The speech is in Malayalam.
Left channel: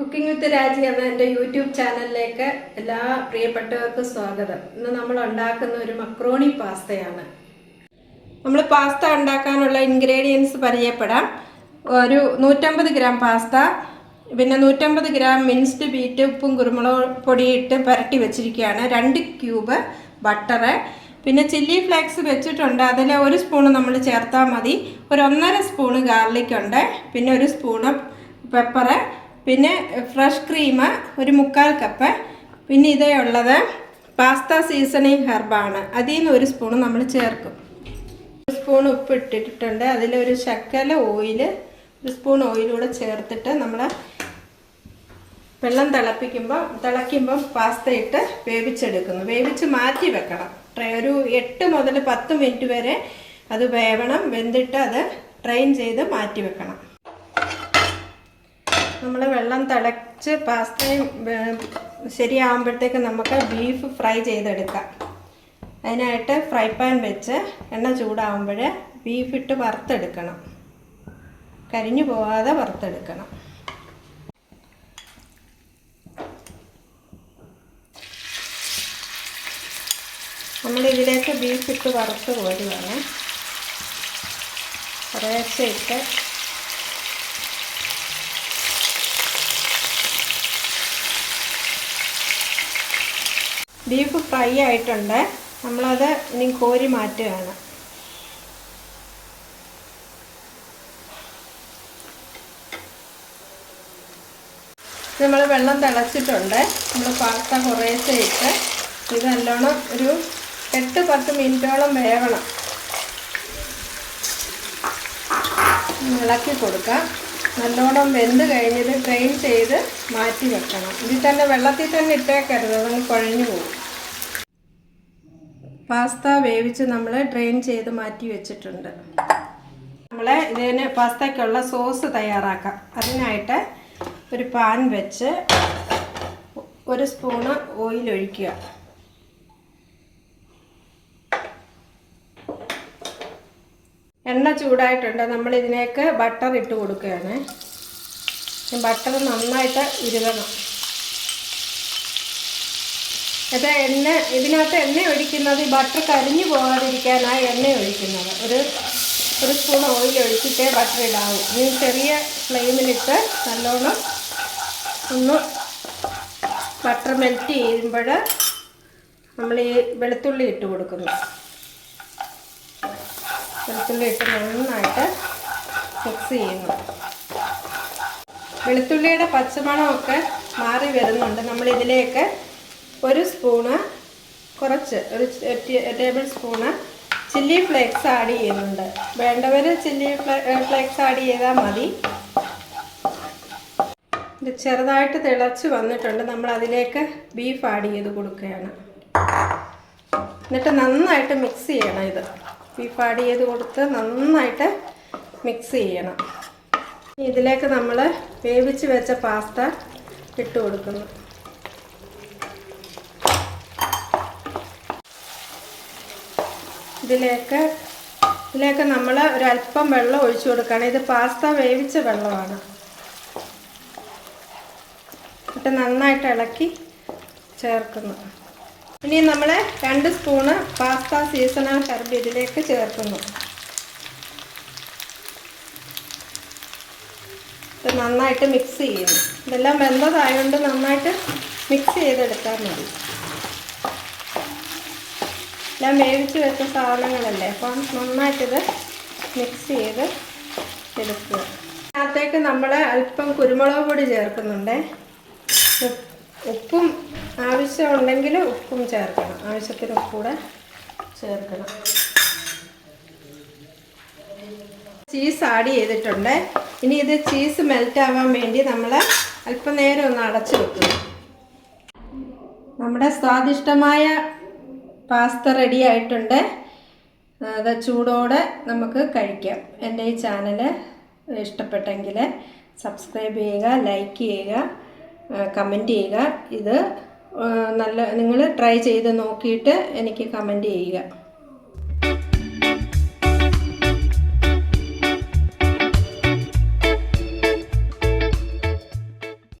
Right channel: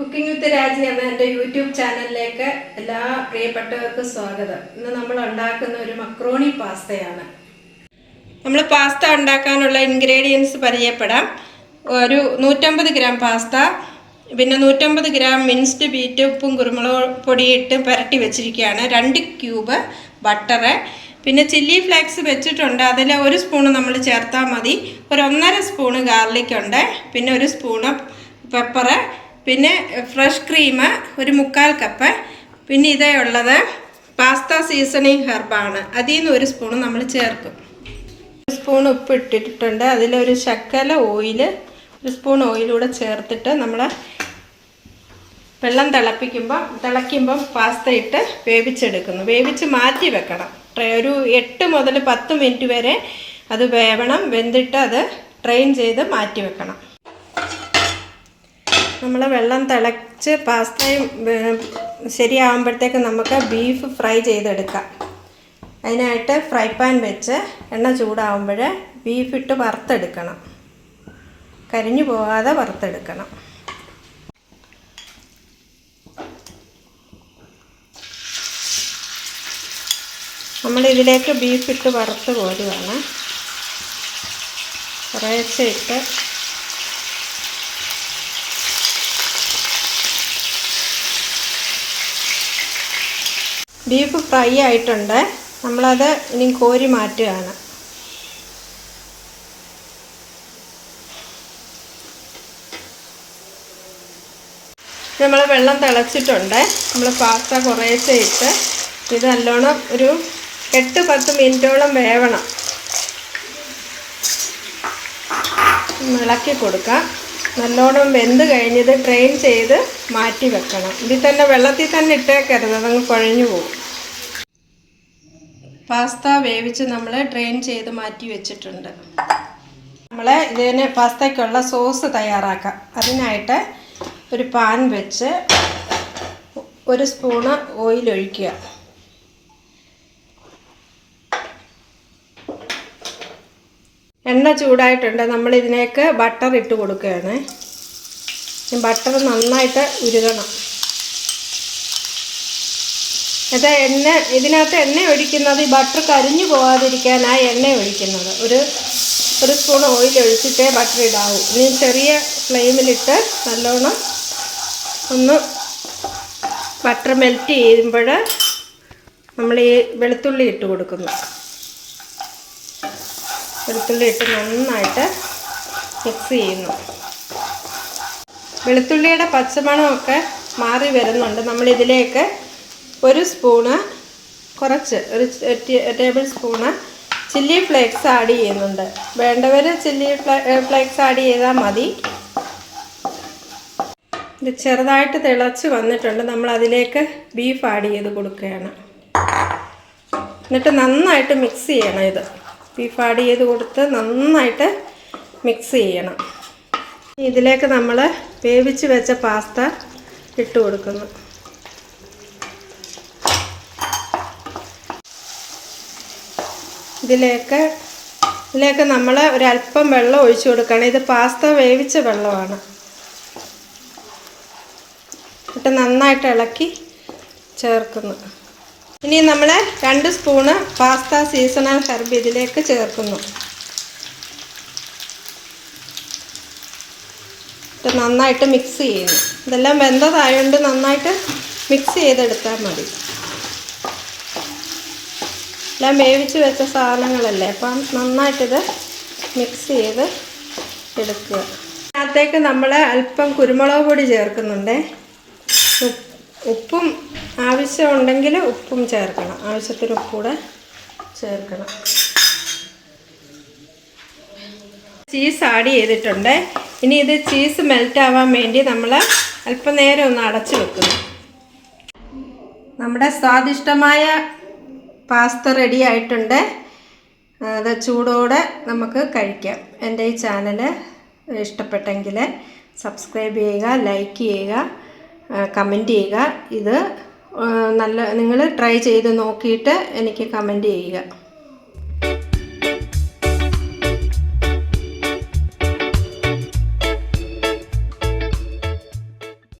കുക്കിംഗ് വിത്ത് രാജി എന്ന എൻ്റെ യൂട്യൂബ് ചാനലിലേക്ക് എല്ലാ പ്രിയപ്പെട്ടവർക്കും സ്വാഗതം. ഇന്ന് നമ്മൾ ഉണ്ടാക്കുന്ന ഒരു മക്രോണി പാസ്തയാണ്. നമ്മൾ പാസ്ത ഉണ്ടാക്കാനുള്ള ഇൻഗ്രീഡിയൻസ് പരിചയപ്പെടാം. ഒരു 150 ഗ്രാം പാസ്ത, പിന്നെ 150 ഗ്രാം മിൻസ്ഡ് ബീറ്റ്, ഉപ്പും കുരുമുളക് പൊടിയിട്ട് പുരട്ടി വെച്ചിരിക്കുകയാണ്. 2 ക്യൂബ് ബട്ടറ്, പിന്നെ ചില്ലി ഫ്ലേക്സ് വെച്ചിട്ടുണ്ട്, അതിൽ 1 സ്പൂൺ നമ്മൾ ചേർത്താൽ മതി. ഒരു 1.5 സ്പൂണ് ഗാർലിക് ഉണ്ട്, പിന്നെ 1 സ്പൂണ് പെപ്പറ്, പിന്നെ ഫ്രഷ് ക്രീം ഒരു 1/4 കപ്പ്, പിന്നെ ഇതേ ഉള്ളത് പാസ്ത സീസണിങ് ഹെർബാണ്. അതിൽ നിന്ന് 1 സ്പൂൺ നമ്മൾ ചേർക്കും. 1 സ്പൂൺ ഉപ്പ് ഇട്ടിട്ടുണ്ട്, അതിലൊരു ശകല ഓയിൽ, 1 സ്പൂൺ ഓയിലൂടെ ചേർത്തിട്ട് നമ്മൾ വെള്ളം തിളയ്ക്കുമ്പം പാസ്ത ഇട്ട് വേവിച്ചെടുക്കുന്നു. വേവിച്ച് മാറ്റി വെക്കണം. ഒരു 8 മുതൽ 10 മിനിറ്റ് വരെ അത് വേവണം. വെന്തിട്ട് അത് ഡ്രെയിൻ ചെയ്ത് മാറ്റി വെക്കണം. നമ്മൾ വെള്ളം തിളച്ച് പാസ്തയും ശരിയാകുമ്പോഴത്തേക്ക് നമുക്ക് ബീഫ് ഫ്രൈ ചെയ്തെടുക്കാം. അതിനായിട്ട് ഫ്രൈ പാൻ വെച്ച് എണ്ണ ചൂടാകുമ്പോൾ ബീഫ് ഇട്ട് വറുത്തെടുക്കണം. കരിഞ്ഞു പോകാതെ വറുത്തെടുക്കണം. നമ്മളിതിലേക്ക് ബീഫ് ഇട്ട് വറുത്ത് കോരുകയാണ്. കുറേശ്ശെ ഇട്ട് ബീഫ് ഫ്രൈ ആയിട്ടുണ്ട്. നമ്മളത് ഇനി കോരി മാറ്റുകയാണ്. നമ്മൾ വെള്ളം തിളച്ചിട്ടുണ്ട്. നമ്മൾ പാസ്ത കുറേശ്ശെ ഇട്ട് ഇത് നല്ലോണം ഒരു 8-10 മിനിറ്റോളം വേവണം. ഇളക്കി കൊടുക്കാം. നല്ലോണം വെന്ത് കഴിഞ്ഞത് ഡ്രെയിൻ ചെയ്ത് മാറ്റി വെക്കണം. ഇതിൽ തന്നെ വെള്ളത്തിൽ തന്നെ ഇട്ടേക്കരുത്, അതങ്ങ് കുഴഞ്ഞു പോകും. പാസ്ത വേവിച്ച് നമ്മൾ ഡ്രെയിൻ ചെയ്ത് മാറ്റി വെച്ചിട്ടുണ്ട്. നമ്മൾ ഇതിന് പാസ്തയ്ക്കുള്ള സോസ് തയ്യാറാക്കാം. അതിനായിട്ട് ഒരു പാൻ വെച്ച് 1 സ്പൂണ് ഓയിൽ ഒഴിക്കുക. എണ്ണ ചൂടായിട്ടുണ്ട്. നമ്മൾ ഇതിലേക്ക് ബട്ടർ ഇട്ട് കൊടുക്കുകയാണ്. ബട്ടർ നന്നായിട്ട് ഉരുകണം. അത് ഇതിനകത്ത് എണ്ണ ഒഴിക്കുന്നത് ഈ ബട്ടർ കരിഞ്ഞു പോകാതിരിക്കാനാണ് എണ്ണ ഒഴിക്കുന്നത്. ഒരു സ്പൂൺ ഓയിൽ ഒഴിച്ചിട്ടേ ബട്ടർ ഇടാവൂ. ഇനി ചെറിയ ഫ്ലെയിമിലിട്ട് നല്ലോണം ഒന്ന് ബട്ടർ മെൽറ്റ് ചെയ്യുമ്പോൾ നമ്മൾ ഈ വെളുത്തുള്ളി ഇട്ട് കൊടുക്കുന്നു. വെളുത്തുള്ളി ഇട്ട് നന്നായിട്ട് മിക്സ് ചെയ്യുന്നു. വെളുത്തുള്ളിയുടെ പച്ചമണമൊക്കെ മാറി വരുന്നുണ്ട്. നമ്മളിതിലേക്ക് 1 സ്പൂണ് ഒരു table spoon chilli flakes add ചെയ്യുന്നുണ്ട്. വേണ്ടവർ ചില്ലി ഫ്ലേക്സ് ആഡ് ചെയ്താൽ മതി. ഇത് ചെറുതായിട്ട് തിളച്ച് വന്നിട്ടുണ്ട്. നമ്മൾ അതിലേക്ക് ബീഫ് ആഡ് ചെയ്ത് കൊടുക്കുകയാണ്. എന്നിട്ട് നന്നായിട്ട് മിക്സ് ചെയ്യണം. ഇത് ബീഫ് ആഡ് ചെയ്ത് കൊടുത്ത് നന്നായിട്ട് മിക്സ് ചെയ്യണം. ഇതിലേക്ക് നമ്മൾ വേവിച്ച് വെച്ച പാസ്ത ഇട്ട് കൊടുക്കുന്നു. ഇതിലേക്ക് നമ്മൾ ഒരല്പം വെള്ളം ഒഴിച്ചു കൊടുക്കണം. ഇത് പാസ്ത വേവിച്ച വെള്ളമാണ്. എന്നിട്ട് നന്നായിട്ട് ഇളക്കി ചേർക്കുന്നു. ഇനി നമ്മൾ 2 സ്പൂണ് പാസ്ത സീസണൽ ഹെർബ് ഇതിലേക്ക് ചേർക്കുന്നു. ഇത് നന്നായിട്ട് മിക്സ് ചെയ്യുന്നു. ഇതെല്ലാം വെന്തതായതുകൊണ്ട് നന്നായിട്ട് മിക്സ് ചെയ്തെടുത്താൽ മതി. എല്ലാം വേവിച്ച് വെച്ച സാധനങ്ങളല്ലേ, അപ്പം നന്നായിട്ടിത് മിക്സ് ചെയ്ത് എടുക്കുക. അതിനകത്തേക്ക് നമ്മൾ അല്പം കുരുമുളക് പൊടി ചേർക്കുന്നുണ്ട്. ഉപ്പും ആവശ്യമുണ്ടെങ്കിൽ ഉപ്പും ചേർക്കണം. ആവശ്യത്തിന് ഉപ്പൂടെ ചേർക്കണം. ചീസ് ആഡ് ചെയ്തിട്ടുണ്ട്. ഇനി ഇത് ചീസ് മെൽറ്റ് ആവാൻ വേണ്ടി നമ്മൾ അല്പം നേരം ഒന്ന് അടച്ചു വെക്കുന്നു. നമ്മുടെ സ്വാദിഷ്ടമായ പാസ്ത റെഡി ആയിട്ടുണ്ട്. അത് ചൂടോടെ നമുക്ക് കഴിക്കാം. എൻ്റെ ഈ ചാനൽ ഇഷ്ടപ്പെട്ടെങ്കിൽ സബ്സ്ക്രൈബ് ചെയ്യുക, ലൈക്ക് ചെയ്യുക, കമൻറ്റ് ചെയ്യുക. ഇത് നിങ്ങൾ ട്രൈ ചെയ്ത് നോക്കിയിട്ട് എനിക്ക് കമൻറ്റ് ചെയ്യുക.